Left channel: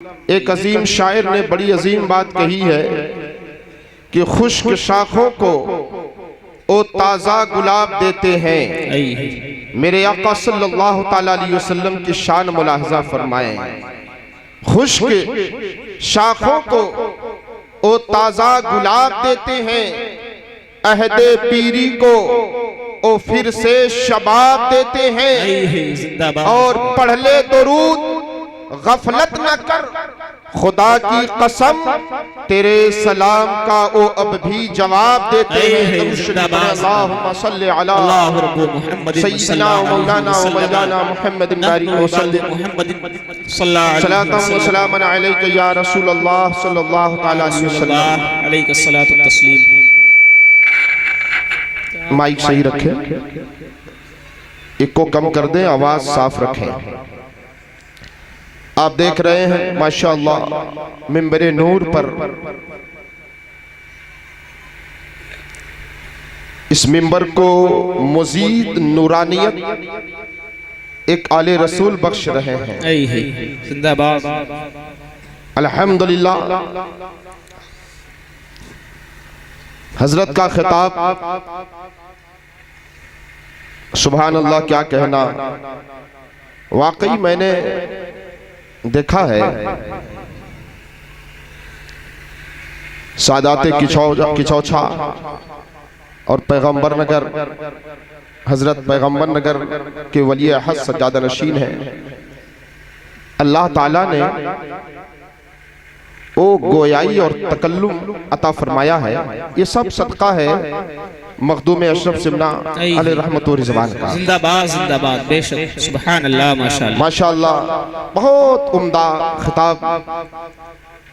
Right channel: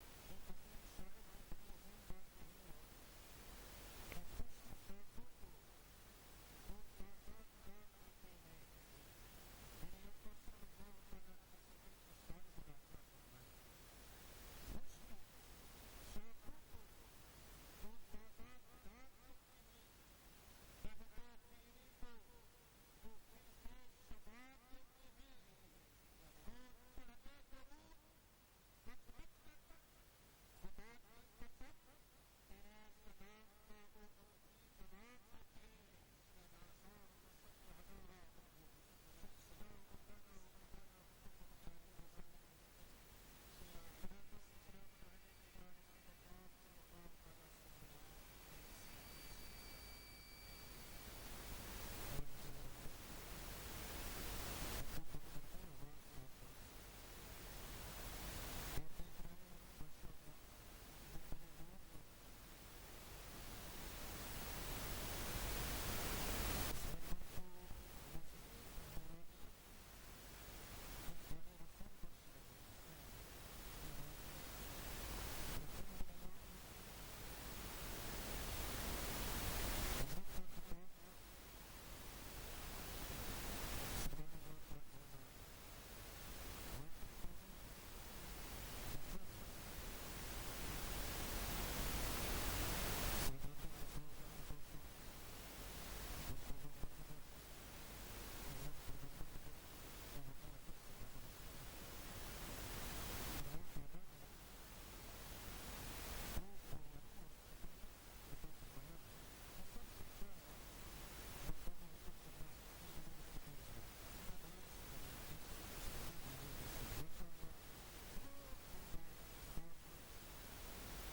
एक अजीम शायर ने बड़ी अजीम बात कही है कि खुश्क शाखों को ओ ताज़ा गुलाब देते हैं। मेरे आका सल्लल्लाहु ताला अलैहि वसल्लम की शान मुलाहजा फरमाएं। खुश्क शाखों को ओ ताज़ा गुलाब देते हैं, अहदे पीरी को ओ फिर से शबाब देते हैं। और पढ़ ले दुरूद गफलत न कर, खुदा की कसम तेरे सलाम का ओ अब भी जवाब देते हैं। अल्लाहुम्मा सल्ली अला सय्यिदना व मौलाना व मौलाना मुहम्मद सल्लल्लाहु व सलामन अलैका या रसूल अल्लाह सल्लल्लाहु तआला अलैहि वसल्लम अलैका सलातु व तस्लीम। माइक सही रखें, इको कम कर दें, आवाज साफ रखें। आप देख रहे हैं माशाअल्लाह मिंबरे नूर पर इस मिंबर को मजीद नूरानियत एक आले रसूल बख्श रहे हैं। जिंदाबाद। अल्हम्दुलिल्लाह। हजरत का खिताब सुभान अल्लाह, क्या कहना। वाकई मैंने देखा है सादाते किचौछा और पैगंबर नगर हजरत पैगंबर नगर के वली अहद सज्जादा नशीन है। अल्लाह ताला ने ओ गोयाई और तकल्लुम अता फरमाया है। ये सब सदका है मखदूम अशरफ सिमना अलैहि रहमत व रिज़वान का। जिंदाबाद जिंदाबाद। बेशक सुभान अल्लाह माशाअल्लाह माशाअल्लाह। बहुत उम्दा खिताब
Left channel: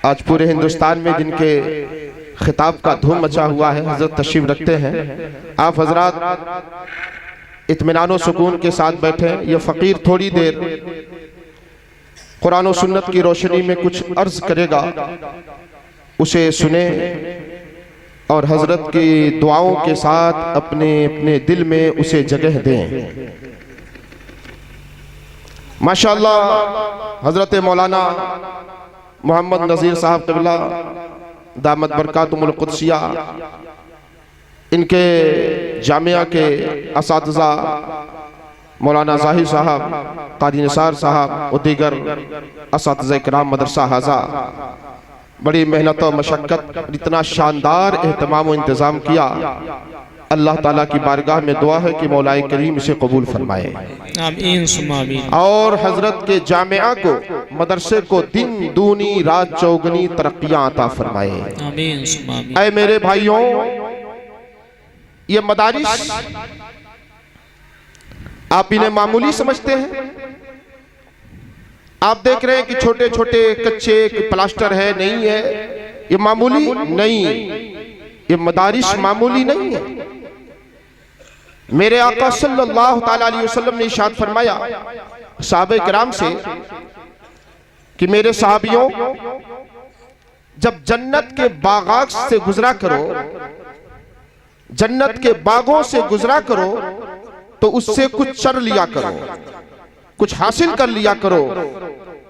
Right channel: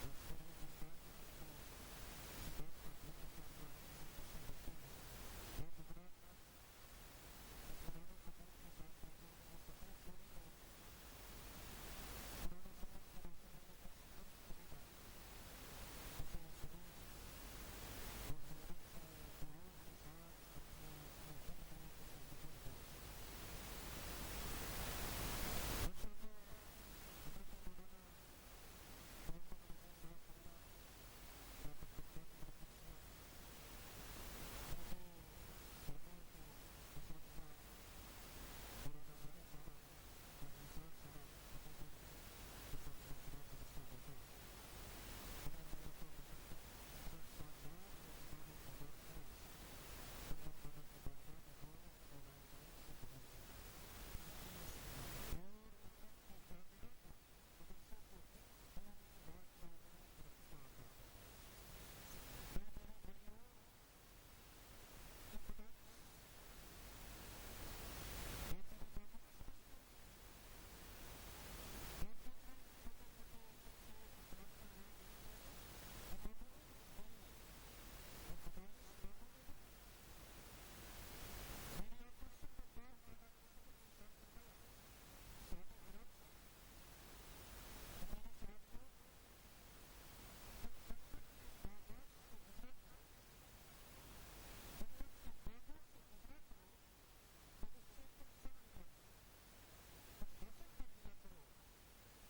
आज पूरे हिंदुस्तान में जिनके खिताब का धूम मचा हुआ है, हजरत तशरीफ रखते हैं। आप हजरात इत्मीनान व सुकून के साथ बैठे। ये फकीर थोड़ी देर कुरान और सुन्नत की रोशनी में कुछ अर्ज करेगा, उसे सुने और हजरत की दुआओं के साथ अपने अपने दिल में उसे जगह दें। माशाअल्लाह हजरत मौलाना मोहम्मद नज़ीर साहब क़िबला दामत बरकातुहुल कुद्सिया, इनके जामिया के असातिज़ा मौलाना ज़ाहिर साहब, क़ादी निसार साहब और दीगर असातिज़ा किराम मदरसा हाजा बड़ी मेहनत और मशक्क़त इतना शानदार एहतमाम और इंतज़ाम किया। अल्लाह ताला की बारगाह में दुआ है कि मौलाए करीम इसे कबूल फरमाए, आमीन सुम्मा आमीन। और हजरत के जामिया को मदरसे को दिन दूनी रात चौगनी तरक्कियां अता फरमाए, आमीन सुम्मा आमीन। ऐ मेरे भाइयों, ये मदारिस आप इन्हें मामूली समझते हैं। आप देख रहे हैं कि छोटे छोटे कच्चे प्लास्टर है, नहीं है, ये मामूली नहीं, ये मदारिस मामूली नहीं है। मेरे आका सल्लल्लाहु ताला अलैहि वसल्लम ने इरशाद फरमाया सहाबे किराम से कि मेरे सहाबियों, जब जन्नत के बागात से गुजरा करो, जन्नत के बागों से गुजरा करो, तो उससे कुछ चर लिया करो, कुछ हासिल कर लिया करो।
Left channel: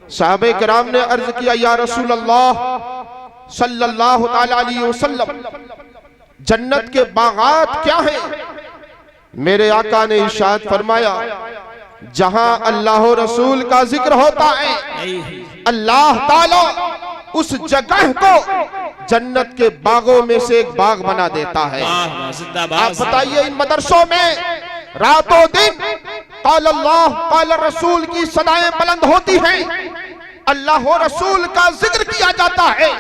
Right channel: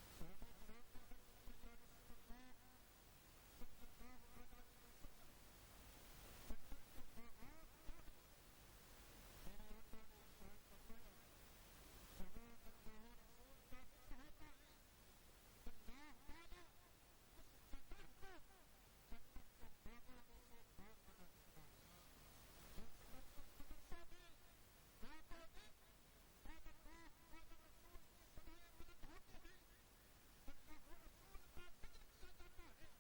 साहबे किराम ने अर्ज किया, या रसूल अल्लाह सल्लल्लाहु ताला अलैहि वसल्लम, जन्नत के बागात क्या हैं? मेरे आका ने इरशाद फरमाया, जहां अल्लाह रसूल का जिक्र होता है, अल्लाह ताला उस जगह को जन्नत के बागों में से एक बाग बना देता है। आप बताइए, इन मदरसों में रातों दिन क़ाल अल्लाह क़ाल रसूल की सदाएं बुलंद होती हैं, अल्लाह और रसूल का जिक्र किया जाता है।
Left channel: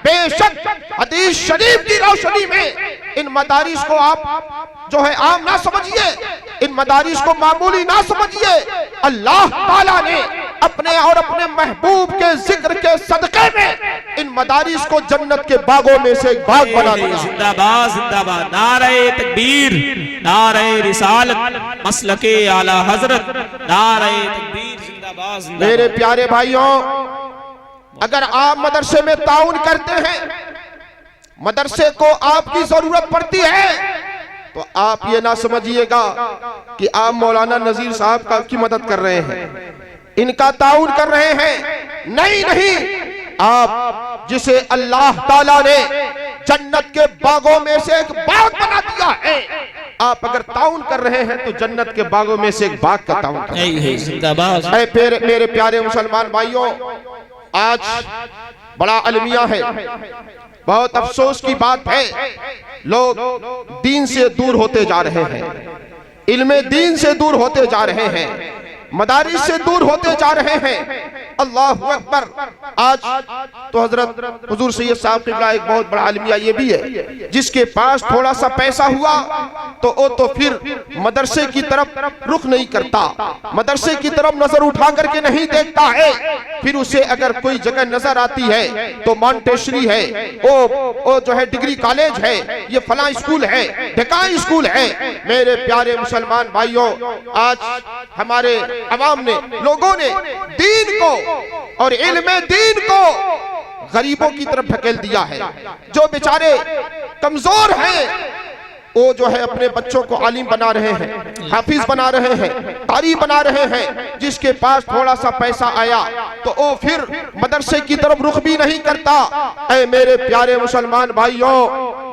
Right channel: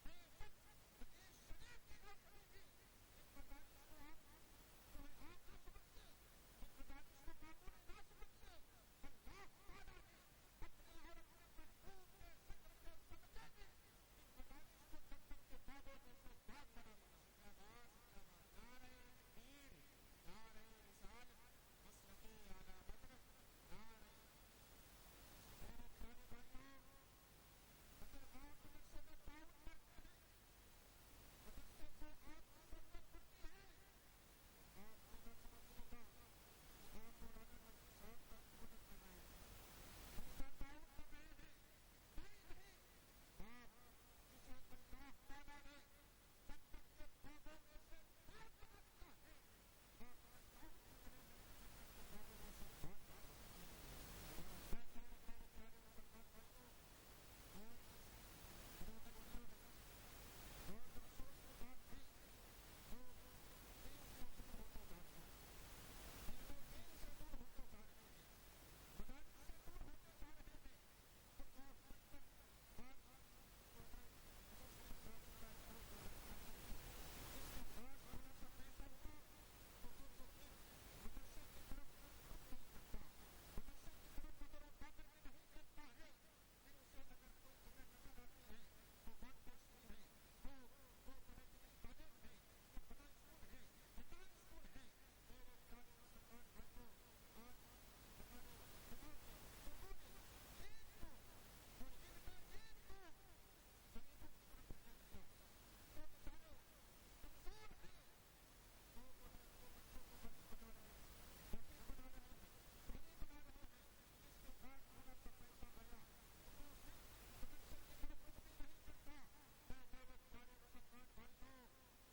बेशक हदीस शरीफ की रोशनी में इन मदारिस को आप जो है आम ना समझिए, इन मदारिस को मामूली ना समझिए। अल्लाह ताला ने अपने और अपने महबूब के जिक्र के सदके में इन मदारिस को जन्नत के बागों में से एक बाग बना दिया। जिंदाबाद जिंदाबाद। नारे तकबीर, नारे रिसालत, मसलके आला हजरत, नारे तकबीर, जिंदाबाद जिंदाबाद। मेरे प्यारे भाइयों, अगर आप मदरसे में ताउन करते हैं, मदरसे को आपकी जरूरत पड़ती है, तो आप ये ना समझिएगा कि आप मौलाना नज़ीर साहब की मदद कर रहे हैं, इनका ताउन कर रहे हैं। नहीं नहीं, आप जिसे अल्लाह ताला ने जन्नत के बागों में से एक बाग बना दिया है, आप अगर ताउन कर रहे हैं तो जन्नत के बागों में से एक बाग का ताउन कर रहे हैं। जिंदाबाद। मेरे प्यारे मुसलमान भाइयों, आज बड़ा अलमिया है, बहुत अफसोस की बात है, लोग दीन से दूर होते जा रहे हैं, इल्मे दीन से दूर होते जा रहे हैं, मदारिस से दूर होते जा रहे हैं। अल्लाहु अकबर। आज तो हजरत हुजूर सैयद साहब क़िबला एक बहुत बड़ा आलिमिया ये भी है, जिसके पास थोड़ा सा पैसा हुआ तो वो तो फिर मदरसे की तरफ रुख नहीं करता, मदरसे की तरफ नजर उठा करके नहीं देखता है। फिर उसे अगर कोई जगह नजर आती है तो मॉन्टेसरी है, वो जो है डिग्री कॉलेज है, ये फलां स्कूल है, ढकाई स्कूल है। मेरे प्यारे मुसलमान भाइयों, आज हमारे अवाम ने, लोगों ने दीन को और इल्मे दीन को गरीबों की तरफ ढकेल दिया है। जो बेचारे कमजोर हैं वो जो है अपने बच्चों को आलिम बना रहे हैं, हाफिज बना रहे हैं, कारी बना रहे हैं। जिसके पास थोड़ा सा पैसा आया तो वो फिर मदरसे की तरफ रुख भी नहीं करता। ऐ मेरे प्यारे मुसलमान भाइयों,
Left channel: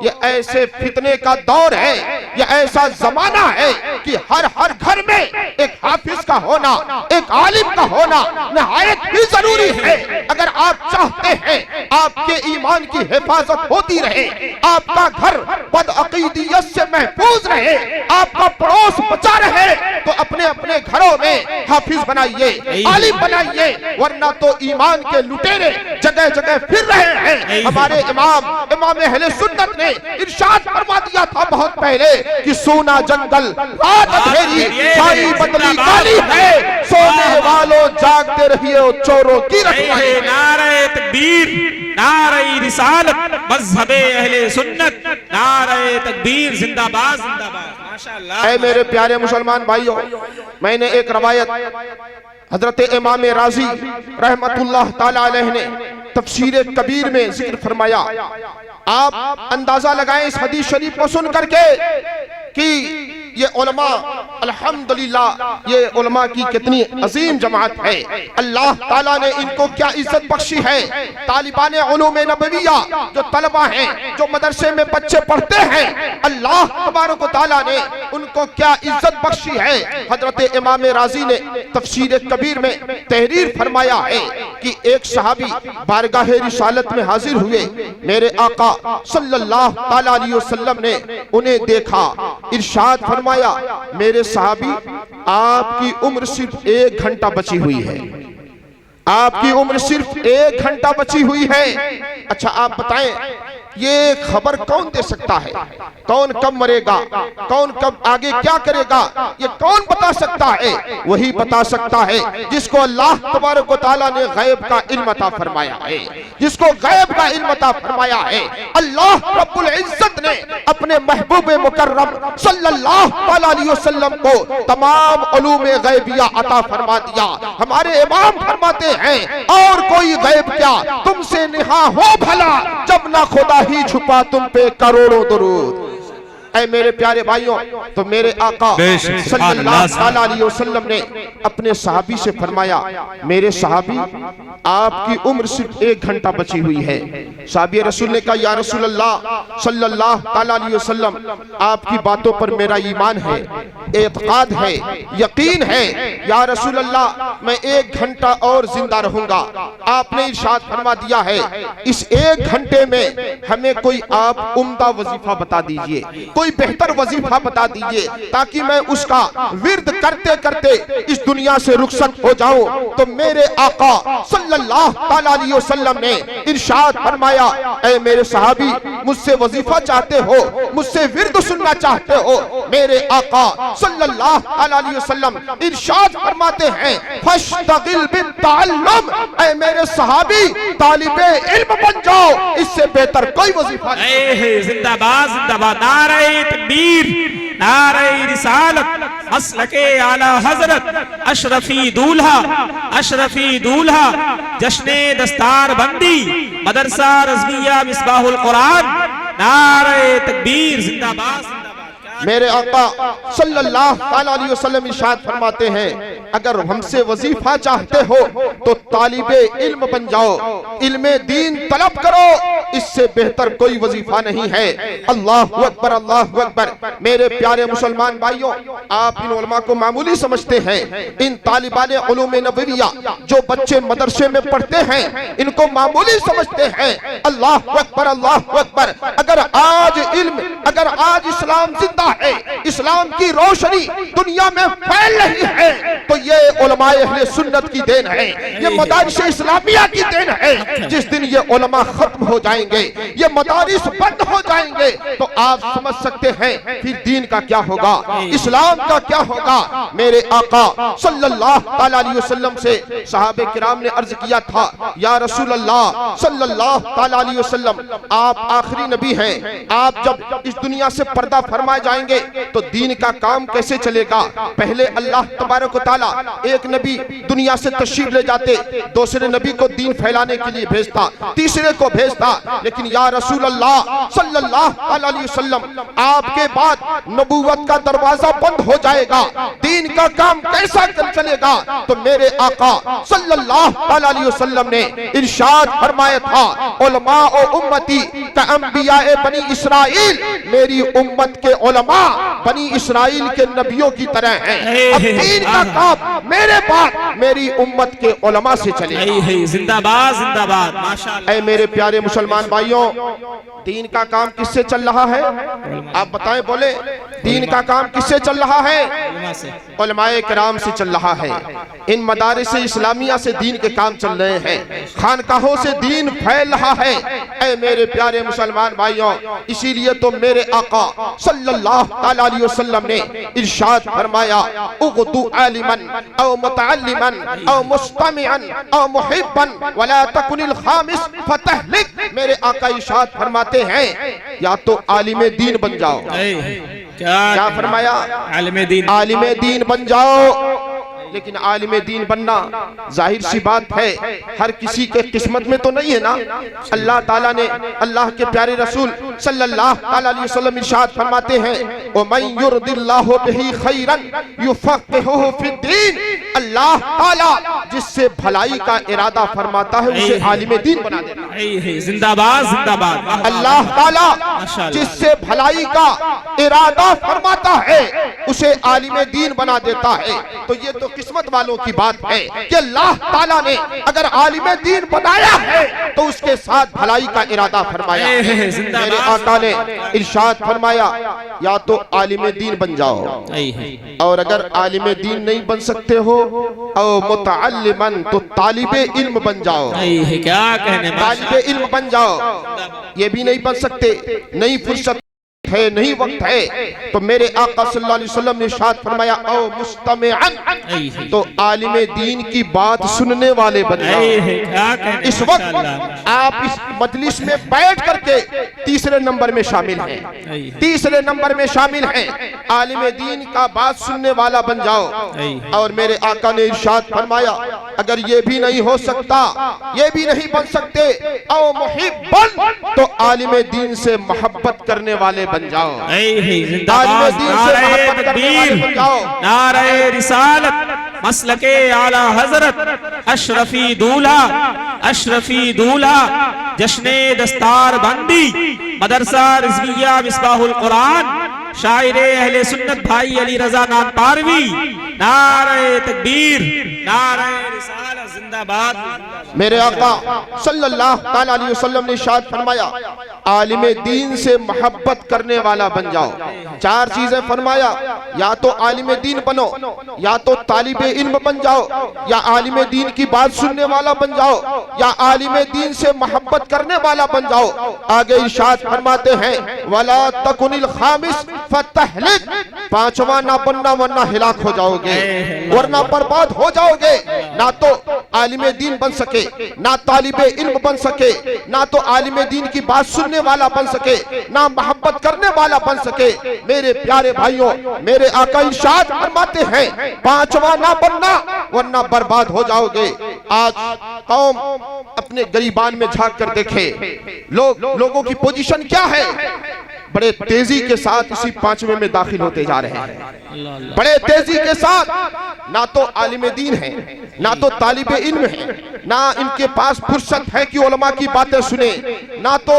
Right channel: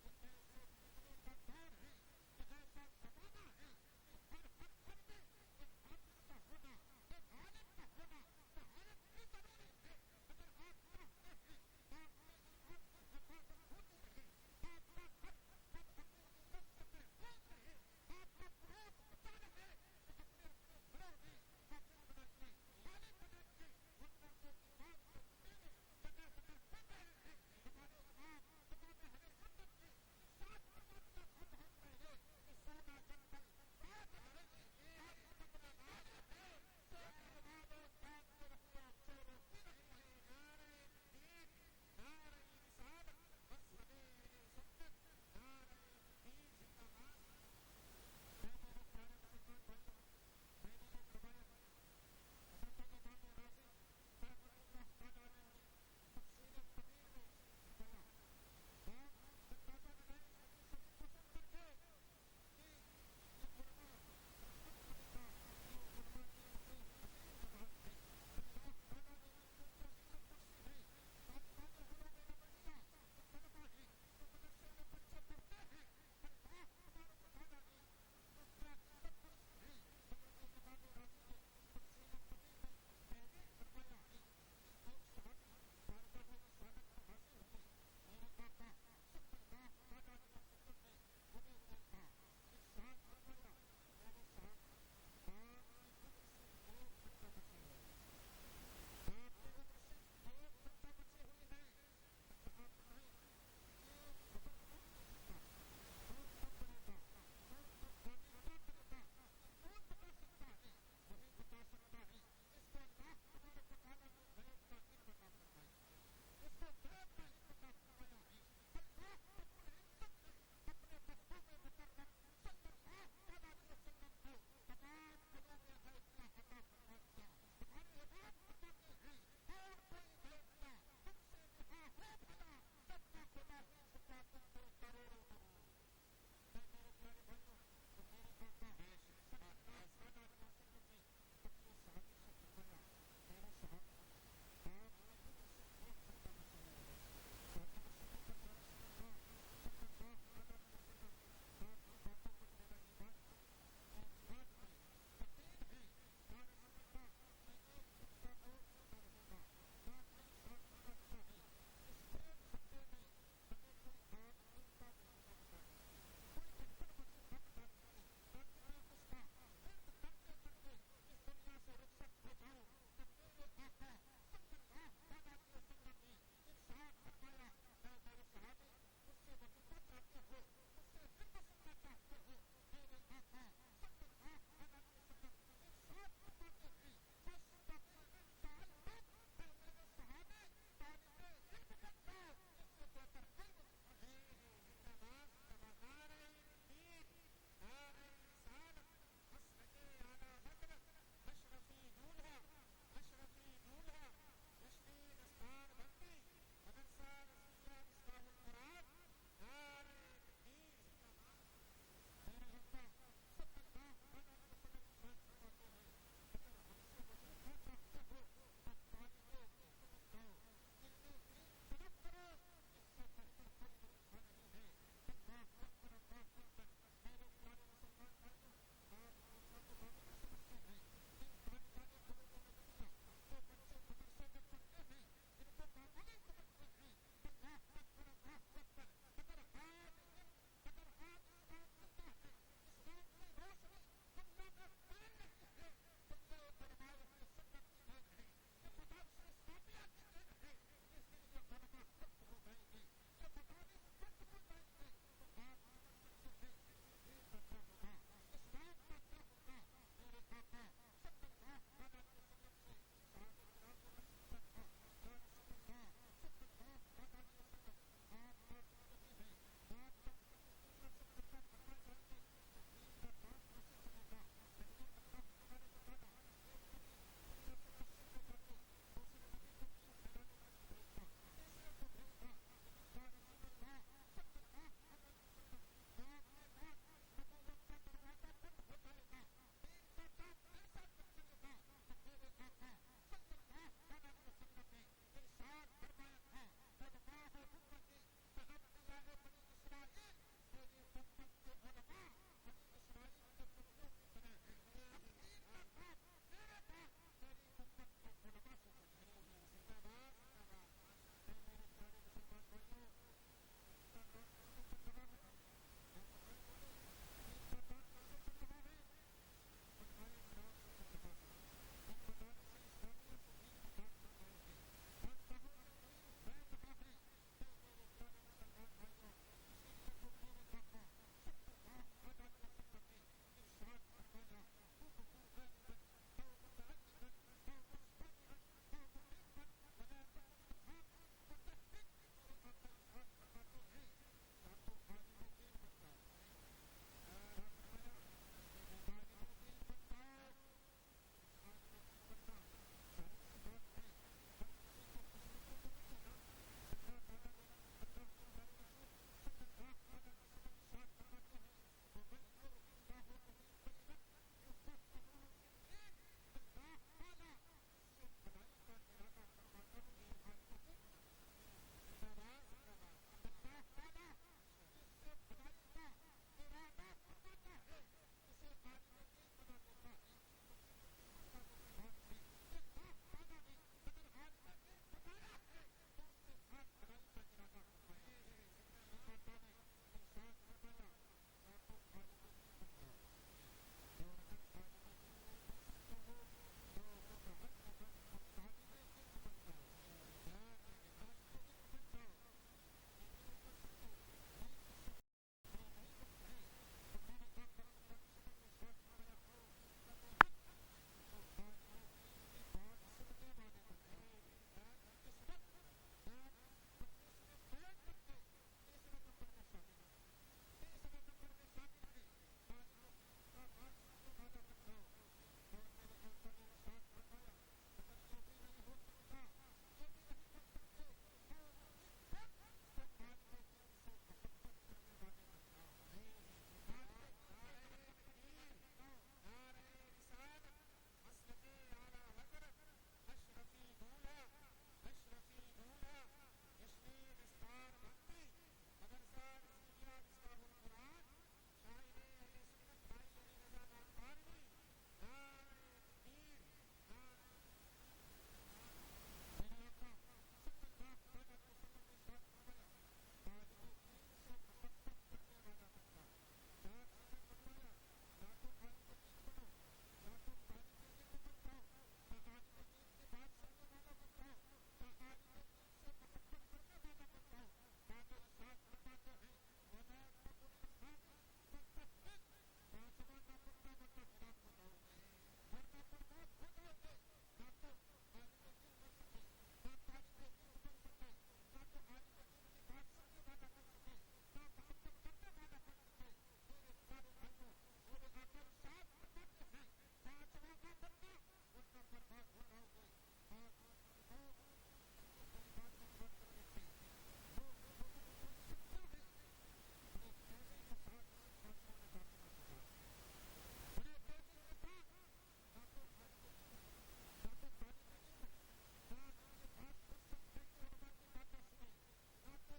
ये ऐसे फितने का दौर है, ये ऐसा जमाना है कि हर घर में एक हाफिज का होना, एक आलिम का होना निहायत ही जरूरी है। अगर आप चाहते हैं आपके ईमान की हिफाजत होती रहे, आपका घर बदअकीदियत से महफूज रहे, आपका पड़ोस बचा रहे, तो अपने अपने घरों में हाफिज बनाइए, आलिम बनाइए, वरना तो ईमान के लुटेरे जगह जगह फिर रहे हैं। हमारे इमाम अहले सुन्नत ने इरशाद फरमा दिया था बहुत पहले कि सोना जंगल रात अंधेरी, छाई बदली काली है, सोने वालों जागते रहिए चोरों की रखवाली। नारे तकबीर, नारे रिसालत, मज़हबे अहले सुन्नत, नारे तकबीर, जिंदाबाद जिंदाबाद। माशाअल्लाह। ऐ मेरे प्यारे मुसलमान भाइयों, मैंने एक रवायत हजरत इमाम राजी रहमतुल्लाह ताला अलैह ने तफसीर कबीर में जिक्र फरमाया। आप अंदाजा लगाएं इस हदीस शरीफ को सुन करके कि ये उलमा, अल्हम्दुलिल्लाह, ये उलमा की कितनी अजीम जमात है। अल्लाह ताला ने इनको क्या इज्जत बख्शी है। तालिबान उलूम नबविया जो तलबा हैं, जो मदरसे में बच्चे पढ़ते हैं, अल्लाह तबारक व तआला ने उनको क्या इज्जत बख्शी है। हजरत इमाम राजी ने तफसीर कबीर में तहरीर फरमाया है कि एक सहाबी बारगाह रिसालत में हाजिर हुए, मेरे आका सल्लल्लाहु ताला अलैहि वसल्लम ने उन्हें देखा, इरशाद फरमाया, मेरे सहाबी आपकी उम्र सिर्फ 1 घंटा बची हुई है, आपकी उम्र सिर्फ 1 घंटा बची हुई है। अच्छा आप बताएं, ये खबर कौन दे सकता है? कौन कब मरेगा, कौन कब आगे क्या करेगा, ये कौन बता सकता है? वही बता सकता है जिसको अल्लाह तबारक व तआला ने गैब का इल्म अता फरमाया है, जिसको गैब का इल्म अता फरमाया है। अल्लाह रब्बुल इज्जत ने अपने महबूब मुकर्रम सल्लल्लाहु अलैहि वसल्लम को तमाम उलूम गैबिया अता फरमा दिया। हमारे इमाम फरमाते हैं, और कोई गैब क्या तुमसे निहा हो भला, जब ना खुदा ही छुपा तुम पे करोड़ों दुरूद। ऐ मेरे प्यारे भाइयों, तो मेरे आका सल्लल्लाहु अलैहि वसल्लम ने अपने सहाबी से फरमाया, मेरे सहाबी आपकी उम्र सिर्फ 1 घंटा बची हुई है। सहाबी रसूल ने कहा, या रसूल अल्लाह सल्लल्लाहु अलैहि वसल्लम, आपकी बातों पर मेरा ईमान है, एतकाद है, यकीन है, या रसूल अल्लाह मैं 1 घंटा और जिंदा रहूंगा। आपने इरशाद फरमा दिया है, इस 1 घंटे में हमें कोई आप उम्दा वजीफा बता दीजिए, कोई बेहतर वजीफा बता दीजिए, ताकि मैं उसका विर्द करते करते इस दुनिया से रुखसत हो जाऊं। तो मेरे आका सल्लल्लाहु अलैहि वसल्लम ने इरशाद फरमाया, ऐ मेरे सहाबी, मुझसे वजीफा चाहते हो, मुझसे विर्द सुनना चाहते हो? मेरे आका सल्लल्लाहु अलैहि वसल्लम इरशाद फरमाते हैं, फश्तगिल बित्तअल्लुम, ऐ मेरे सहाबी तालिबे इल्म बन जाओ, इससे बेहतर कोई वजीफा नहीं। जिंदाबाद जिंदाबाद, नारे तकबीर, नारे रिसालत, मसलके आला हजरत, अशरफी दूल्हा, जश्ने दस्तार बंदी, मदरसा रज़विया मिसबाहुल कुरान, नारे तकबीर, जिंदाबाद जिंदाबाद। मेरे आका सल्लल्लाहु अलैहि वसल्लम इरशाद फरमाते हैं, अगर हमसे वजीफा चाहते हो तो तालिबे इल्म बन जाओ, इल्मे दीन तलब करो, इससे बेहतर कोई वजीफा नहीं है। अल्लाहु अकबर, अल्लाहु अकबर। मेरे प्यारे मुसलमान भाइयों, आप इन उलमा को मामूली समझते हैं, इन तालिबान उलूम नबविया जो बच्चे मदरसे में पढ़ते हैं इनको मामूली समझते हैं। अल्लाहु अकबर, अल्लाहु अकबर। अगर आज इल्म, अगर आज इस्लाम जिंदा है, इस्लाम की रोशनी दुनिया में फैल रही है, तो ये उलमाए अहले सुन्नत की देन है, ये मदारिस इस्लामिया की देन है। जिस दिन ये उलमा खत्म हो जाएंगे, ये मदारिस बंद हो जाएंगे, तो आप समझ सकते हैं फिर दीन का क्या होगा, इस्लाम का क्या होगा। मेरे आका सल्लल्लाहु अलैहि वसल्लम से सहाबे किराम ने अर्ज किया था, या रसूल अल्लाह सल्लल्लाहु अलैहि वसल्लम, आप आखिरी नबी हैं, आप जब इस दुनिया से पर्दा फरमाए जाएंगे तो दीन का काम कैसे चलेगा। पहले अल्लाह तबारक व तआला एक नबी दुनिया से तशरीफ ले जाते, दूसरे नबी को दीन फैलाने के लिए भेजता, तीसरे को भेजता, लेकिन या रसूल अल्लाह सल्लल्लाहु अलैहि वसल्लम, आपके बाद नबूवत का दरवाजा बंद हो जाएगा, दीन का काम कैसा चलेगा। तो मेरे आका सल्लल्लाहु अलैहि वसल्लम ने इरशाद फरमाया था, उलमा ओ उम्मती का अंबिया बनी इसराइल, मेरी उम्मत के उलमा बनी इसराइल के नबियों की तरह हैं। अब दीन का काम मेरे बाद मेरी उम्मत के उलमा से चलेगा। जिंदाबाद, जिंदाबाद, माशाअल्लाह। ऐ मेरे प्यारे मुसलमान भाइयों, दीन का काम किससे चल रहा है? आप बताएं, बोले दीन का काम किससे चल रहा है? उलमाए किराम से चल रहा है। इन मदारिस इस्लामिया से दीन के काम चल रहे हैं, खानकाहों से दीन फैल रहा है। ऐ मेरे प्यारे मुसलमान भाइयों, इसीलिए तो मेरे आका सल्लल्लाहु अलैहि वसल्लम ने इरशाद फरमाया, उगदु आलिमन औ मुतअल्लिमन औ मुस्तमिअन औ मुहिब्बन वला तकुनिल खामिस फतहलिक। मेरे आका इरशाद फरमाते हैं, या तो आलिम दीन बन जाओ। क्या फरमाया? आलिम दीन बन जाओ। लेकिन आलिम दीन बनना जाहिर सी बात है हर किसी के किस्मत में तो नहीं है ना। अल्लाह ताला ने, अल्लाह के प्यारे रसूल सल्लल्लाहु अलैहि वसल्लम इरशाद फरमाते हैं, ओ मन युरदिल्लाहु बिही खैरन युफक्किहुहु फिद्दीन। अल्लाह ताला जिससे भलाई का इरादा फरमाता है उसे आलिम दीन बना देता है। जिंदाबाद, जिंदाबाद। अल्लाह ताला जिससे भलाई का इरादा फरमाता है उसे आलिम दीन बना देता है। तो ये तो किस्मत वालों की बात है कि अल्लाह ताला ने अगर आलिम दीन बनाया है तो उसके साथ भलाई का इरादा फरमाया है। मेरे आका ने इरशाद फरमाया, या तो आलिम दीन बन जाओ, और अगर आलिम दीन नहीं बन सकते हो और मुतअल्लिमन, तो तालिबे इल्म बन जाओ। क्या कहने, तालिबे इल्म बन जाओ। ये भी नहीं बन सकते, नहीं फुर्सत है, नहीं वक्त है, तो मेरे आका सल्लल्लाहु अलैहि वसल्लम ने इरशाद फरमाया, ओ मुस्तमिअन, तो आलिम दीन की बात सुनने वाले बन जाओ। इस वक्त आप इस मजलिस में बैठ करके तीसरे नंबर में शामिल हैं, तीसरे नंबर में शामिल हैं। आलिम दीन का बात सुनने वाला बन जाओ। और मेरे आका ने इरशाद फरमाया, अगर ये भी नहीं हो सकता, ये भी नहीं बन सकते, ओ मुहिब्बन, तो आलिम दीन से मोहब्बत करने वाले बन जाओ। नारे रिसालत, मसलके आला हजरत, अशरफी दूल्हा, अशरफी दूल्हा, जश्ने दस्तार बंदी, मदरसा रिजविया मिसबाहुल कुरान, शायरे अहले सुन्नत भाई अली रजा नाथ पारवी। नारे तकबीर, नारे रिसालत, जिंदाबाद। मेरे आका सल्लल्लाहु अलैहि वसल्लम ने इरशाद फरमाया, आलिम दीन से मोहब्बत करने वाला बन जाओ। चार चीजें फरमाया, या तो आलिम दीन बनो, या तो तालिबे इल्म बन जाओ, या आलिम दीन की बात सुनने वाला बन जाओ, या आलिम दीन से मोहब्बत करने वाला बन जाओ। आगे इरशाद फरमाते हैं, वला तकुनिल खामिस फतहलिक, पांचवा ना बनना वरना हिलाक हो जाओगे, वरना बर्बाद हो जाओगे। ना तो आलिम दीन बन सके, ना तालिबे इल्म बन सके, ना तो आलिम दीन की बात सुनने वाला बन सके, ना मोहब्बत करने वाला बन सके। मेरे प्यारे भाइयों, मेरे आका इरशाद फरमाते हैं, पांचवा ना बनना वरना बर्बाद हो जाओगे। आज कौम अपने गरीबान में झांक कर देखे, लोगों की पोजीशन क्या है। बड़े तेजी के साथ इसी 5वें में दाखिल होते जा रहे हैं। बड़े तेजी के साथ ना तो आलिम दीन है, ना तो तालिब इल्म है, ना इनके पास फुर्सत है कि उलमा की बातें सुने, ना तो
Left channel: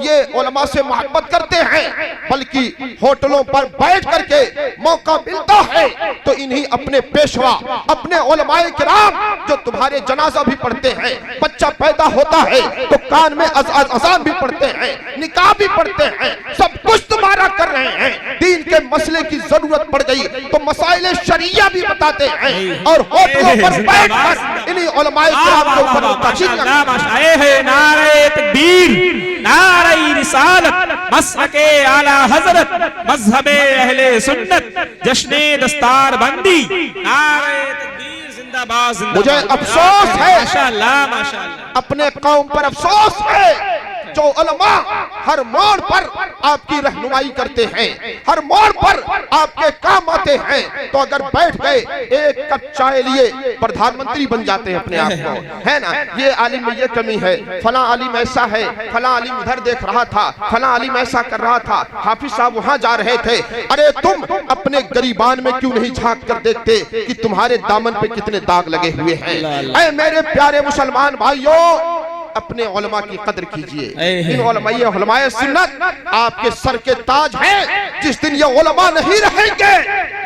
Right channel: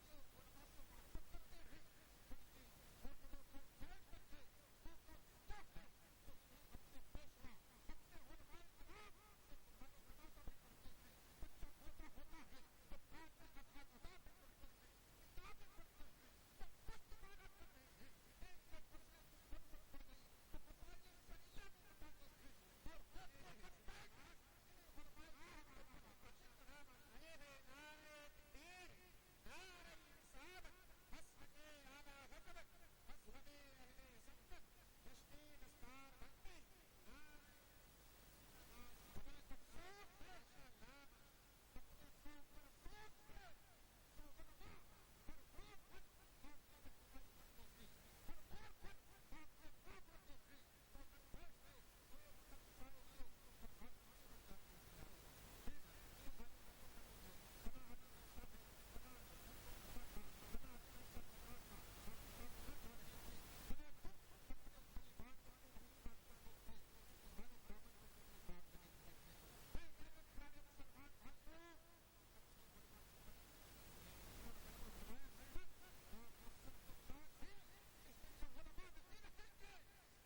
ये उलमा से मोहब्बत करते हैं, बल्कि होटलों पर बैठ करके मौका मिलता है तो इन्हीं अपने पेशवा, अपने उलमाए किराम जो तुम्हारे जनाजा भी पढ़ते हैं, बच्चा पैदा होता है तो कान में अज़ान भी पढ़ते हैं, निकाह भी पढ़ते हैं, सब कुछ तुम्हारा कर रहे हैं। दीन के मसले की जरूरत पड़ गई तो मसाइल शरिया भी बताते हैं और होटलों पर बैठकर इन्हीं उलमाए किराम के ऊपर नारे तकबीर, नारे रिसालत, मसलके आला हजरत, मजहबे अहले सुन्नत, जश्ने दस्तार बंदी, नारे तकबीर जिंदाबाद जिंदाबाद। मुझे अफसोस है, माशाअल्लाह माशाअल्लाह, अपने कौम पर अफसोस है जो उलमा हर मोड़ पर आपकी रहनुमाई करते हैं, हर मोड़ पर आपके काम आते हैं, तो अगर बैठ गए एक कप चाय लिए प्रधानमंत्री बन जाते हैं अपने आप को, है ना। ये आलिम में ये कमी है, फला आलिम ऐसा है, फला आलिम उधर देख रहा था, फला आलिम ऐसा कर रहा था, हाफिज साहब वहां जा रहे थे। अरे तुम अपने गरीबान में क्यों नहीं झांक कर देखते कि तुम्हारे दामन पे कितने दाग लगे हुए हैं। ऐ मेरे प्यारे मुसलमान भाइयों, अपने उलमा की कदर कीजिए। इन उलमाए सुन्नत आपके सर के ताज हैं। जिस दिन ये उलमा नहीं रहेंगे,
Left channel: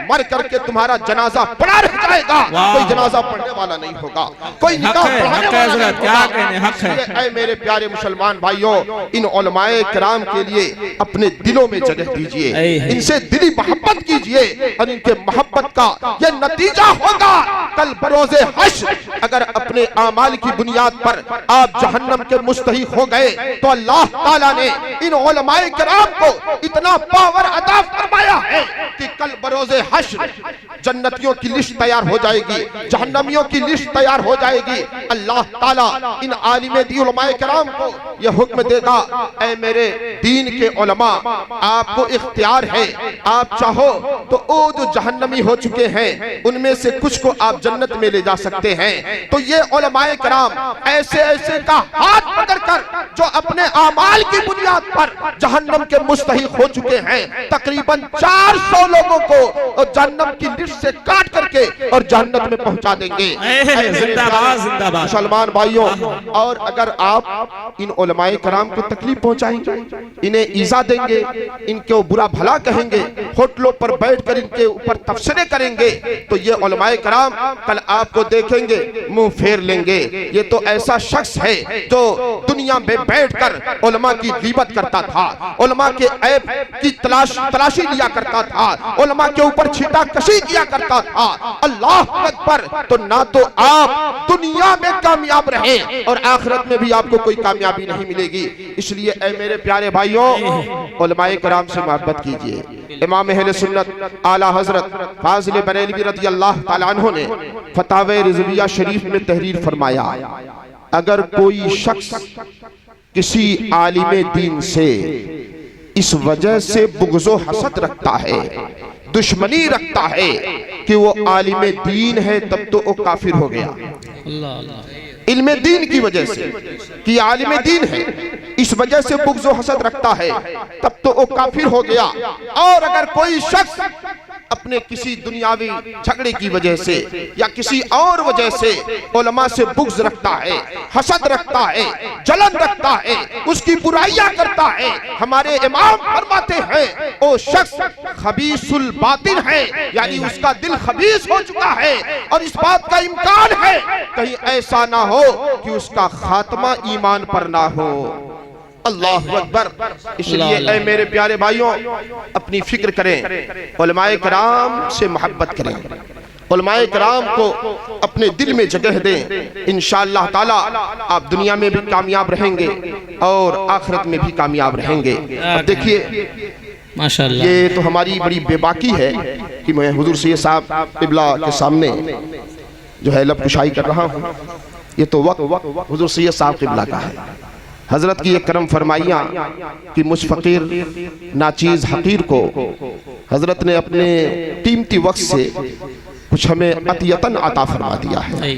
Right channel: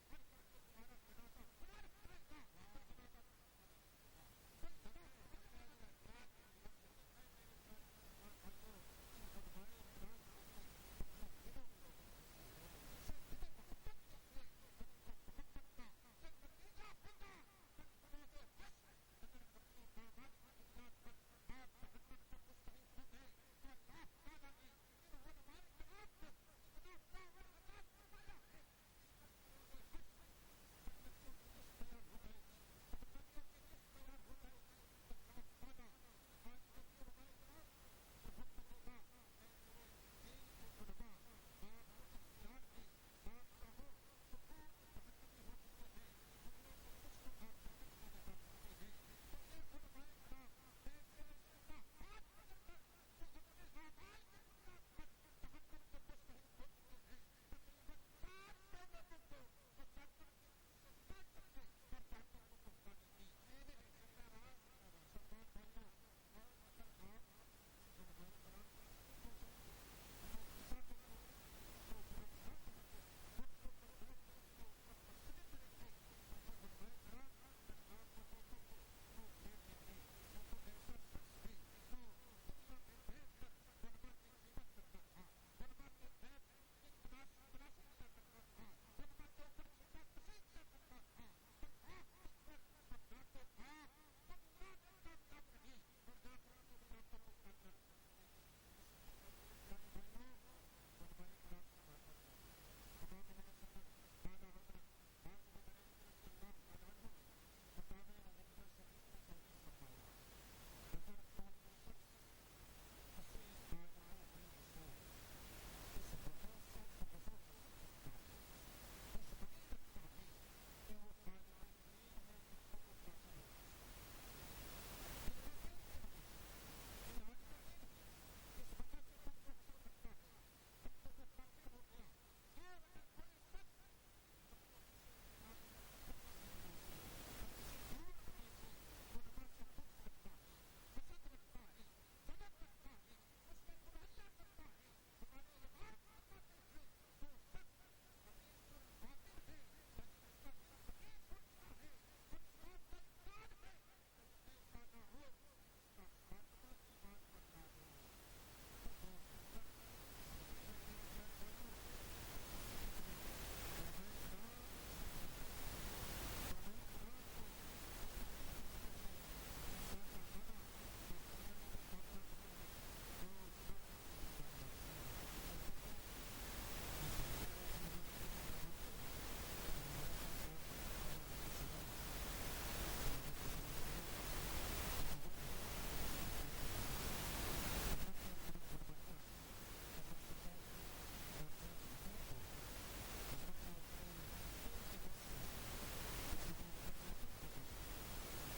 मर करके तुम्हारा जनाजा पड़ा रह जाएगा, कोई जनाजा पढ़ने वाला नहीं होगा, कोई निकाह पढ़ाने वाला नहीं होगा। ऐ मेरे प्यारे मुसलमान भाइयों, इन उलमाए किराम के लिए अपने दिलों में जगह दीजिए, इनसे दिली मोहब्बत कीजिए और इनके मोहब्बत का ये नतीजा होगा कल बरोज़े हश्र। अगर अपने आमाल की बुनियाद पर आप जहन्नम के मुस्तहिक हो गए तो अल्लाह ताला ने इन उलमाए किराम को इतना पावर अता फरमाया है कि कल बरोज़े हश्र जन्नतियों की लिस्ट तैयार हो जाएगी, जहन्नमियों की लिस्ट तैयार हो जाएगी। अल्लाह ताला इन आलिम दी उलमाए किराम को यह हुक्म देगा, ऐ मेरे दीन के उलमा, आपको इख्तियार है, आप चाहो तो वो जो जहन्नमी हो चुके हैं उनमें से कुछ को आप जन्नत में ले जा सकते हैं। तो ये उलमाए किराम ऐसे ऐसे का हाथ पकड़कर जो अपने आमाल की बुनियाद पर जहन्नम के मुस्तहिक हो चुके हैं, तकरीबन 400 लोगों को जहन्नम की लिस्ट से काट करके और जन्नत में पहुंचा देंगे। जिंदाबाद जिंदाबाद मुसलमान भाइयों, और अगर आप इन उलमाए किराम को तकलीफ पहुंचाएंगे, इन्हें ईजा देंगे, इनको बुरा भला कहेंगे, होटलों पर बैठकर इनके ऊपर तबसरे करेंगे, तो ये उलमाए किराम कल आपको देखेंगे मुंह फेर लेंगे। ये तो ऐसा शख्स है जो दुनिया में बैठकर उलमा की गीबत करता था, उलमा के ऐब की तलाशी लिया करता था, उलमा के ऊपर छीटा कशी किया करता था। अल्लाह अकबर। तो ना तो आप दुनिया में कामयाब रहे और आखिरत में भी आपको कोई कामयाबी नहीं मिलेगी। इसलिए ऐ मेरे प्यारे भाइयों, उलमाए किराम से मोहब्बत कीजिए। इमाम अहले सुन्नत आला हजरत फाजिल बरेलवी रज़ी अल्लाह ताला अन्हु ने फतावे रिज़विया शरीफ में तहरीर फरमाया, अगर कोई शख्स किसी आलिम दीन से इस वजह से बुग़्ज़ो हसद रखता है, दुश्मनी रखता है कि वो आलिम दीन है, तब तो वो काफिर हो गया। इल्म दीन की वजह से कि आलिम दीन है, इस वजह से बुग़्ज़ो हसद रखता है, तब तो वो काफिर हो गया। और अगर कोई शख्स अपने किसी दुनियावी झगड़े की वजह से या किसी और वजह से उलमा से बुग़्ज़ रखता है, हसद रखता है, जलन रखता है, उसकी बुराइयां करता है, हमारे इमाम फरमाते हैं वो शख्स खबीसुल बातिन है, यानी उसका दिल खबीस हो चुका है। और इस बात का इम्कान है कहीं ऐसा ना हो कि उसका खात्मा ईमान पर ना हो। अल्लाह अकबर। इसलिए ऐ मेरे प्यारे भाइयों, अपनी फिक्र करें, उलमाए किराम से मोहब्बत करें, उलमाए किराम को अपने दिल में जगह दें। इंशाअल्लाह ताला आप दुनिया में भी कामयाब रहेंगे और आखिरत में भी कामयाब रहेंगे। अब देखिए माशाअल्लाह, ये तो हमारी बड़ी बेबाकी है कि मैं हुजूर सैयद साहब क़िबला के सामने जो है लब कुशाई कर रहा हूँ। ये तो वक्त हुजूर सैयद साहब क़िबला का है। हजरत की एक करम फरमाइयाँ कि मुझ फकीर नाचीज हकीर को हजरत ने अपने कीमती वक्त से कुछ हमें अतियतन अता फरमा दिया है।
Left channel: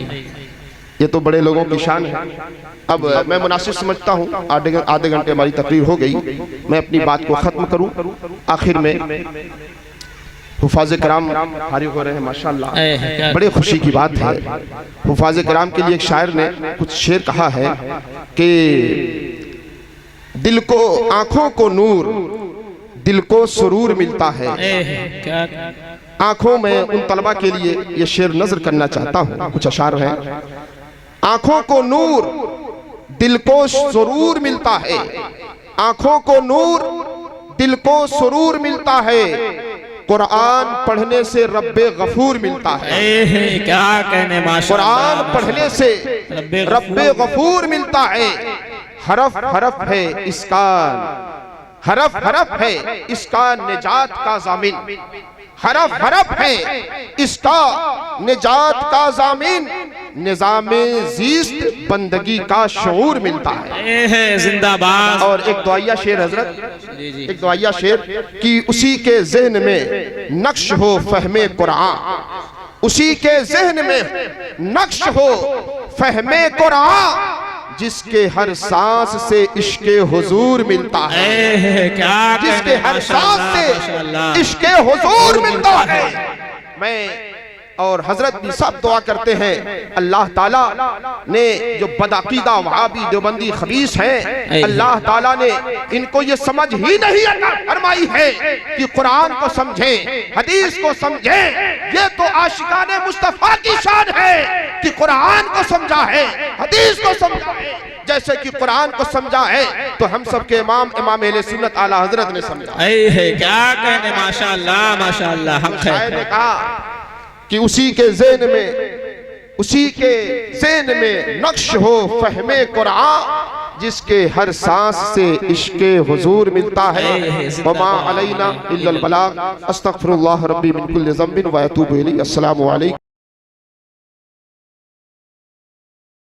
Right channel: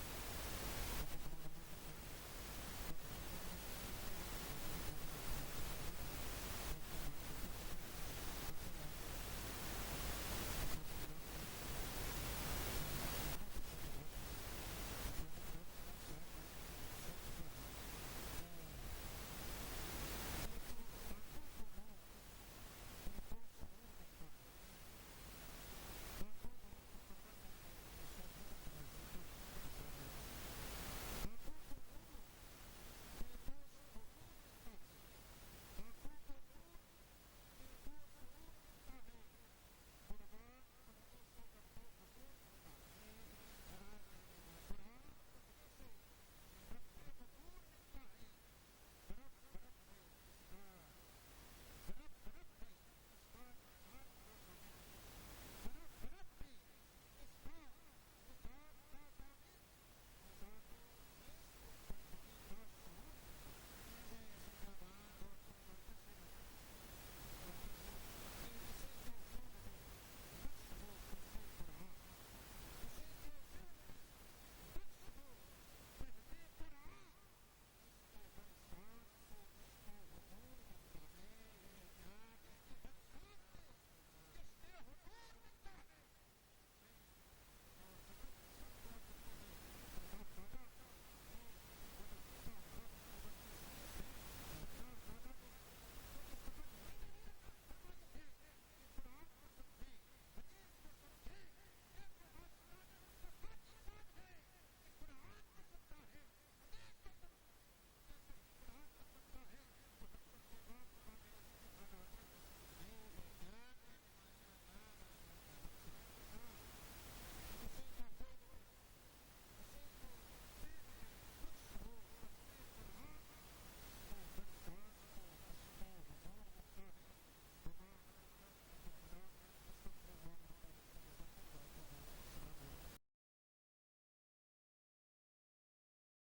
ये तो बड़े लोगों की शान है। अब मैं मुनासिब समझता हूँ, आधे घंटे हमारी तकरीर हो गई, मैं अपनी बात को ख़त्म करूँ। आखिर में हुफाज कराम फारिग हो रहे हैं, माशाअल्लाह, बड़े खुशी की बात है। हुफाज कराम के लिए एक शायर ने कुछ शेर कहा है कि दिल को, आंखों को नूर, दिल को सुरूर मिलता है। आंखों में उन तलबा के लिए ये शेर नजर करना चाहता हूँ, कुछ अशार हैं। आंखों को नूर, दिल को सुरूर मिलता है। आंखों को नूर, दिल को सुरूर मिलता है। कुरान पढ़ने से रब्बे गफूर मिलता है। क्या कहने, कुरान पढ़ने से रब्बे गफूर मिलता है। हरफ हरफ है इसका, हरफ हरफ है इसका निजात का जामिन। हरफ हरफ है इसका निजात का जामिन। निजामे ज़ीस्त बंदगी का शऊर मिलता है। जिंदाबाद। और एक दुआया शेर हजरत, एक दुआया शेर कि उसी के ज़हन में नक्श हो फहमे कुरान, उसी के ज़हन में नक्श हो फहमे कुरान, जिसके हर सांस से इश्के हुजूर मिलता है। क्या जिसके हर सांस से इश्के हुजूर मिलता है। मैं और हजरत भी सब दुआ करते हैं, अल्लाह ताला ने जो बदअकीदा वहाबी देवबंदी खबीस हैं, अल्लाह ताला ने इनको ये समझ ही नहीं अता फरमाई है कि कुरान को समझें, हदीस को समझें। ये तो आशिकाने मुस्तफा की शान है कि कुरान को समझा है, हदीस को समझा है। जैसे कि कुरान को समझा है तो हम सब के इमाम अहले सुन्नत आला हजरत ने समझा है। क्या कहने, माशाअल्लाह माशाअल्लाह। हम शायर ने कहा कि उसी के ज़हन में, उसी के ज़हन में नक्श हो फहमे कुरान, जिसके हर सांस से इश्के हुजूर मिलता है। वमा अलैना इल्लल बलाग। अस्तगफिरुल्लाह रब्बी मिन कुल्लि ज़ंबिन व अतूबु इलैहि। अस्सलामु अलैकुम।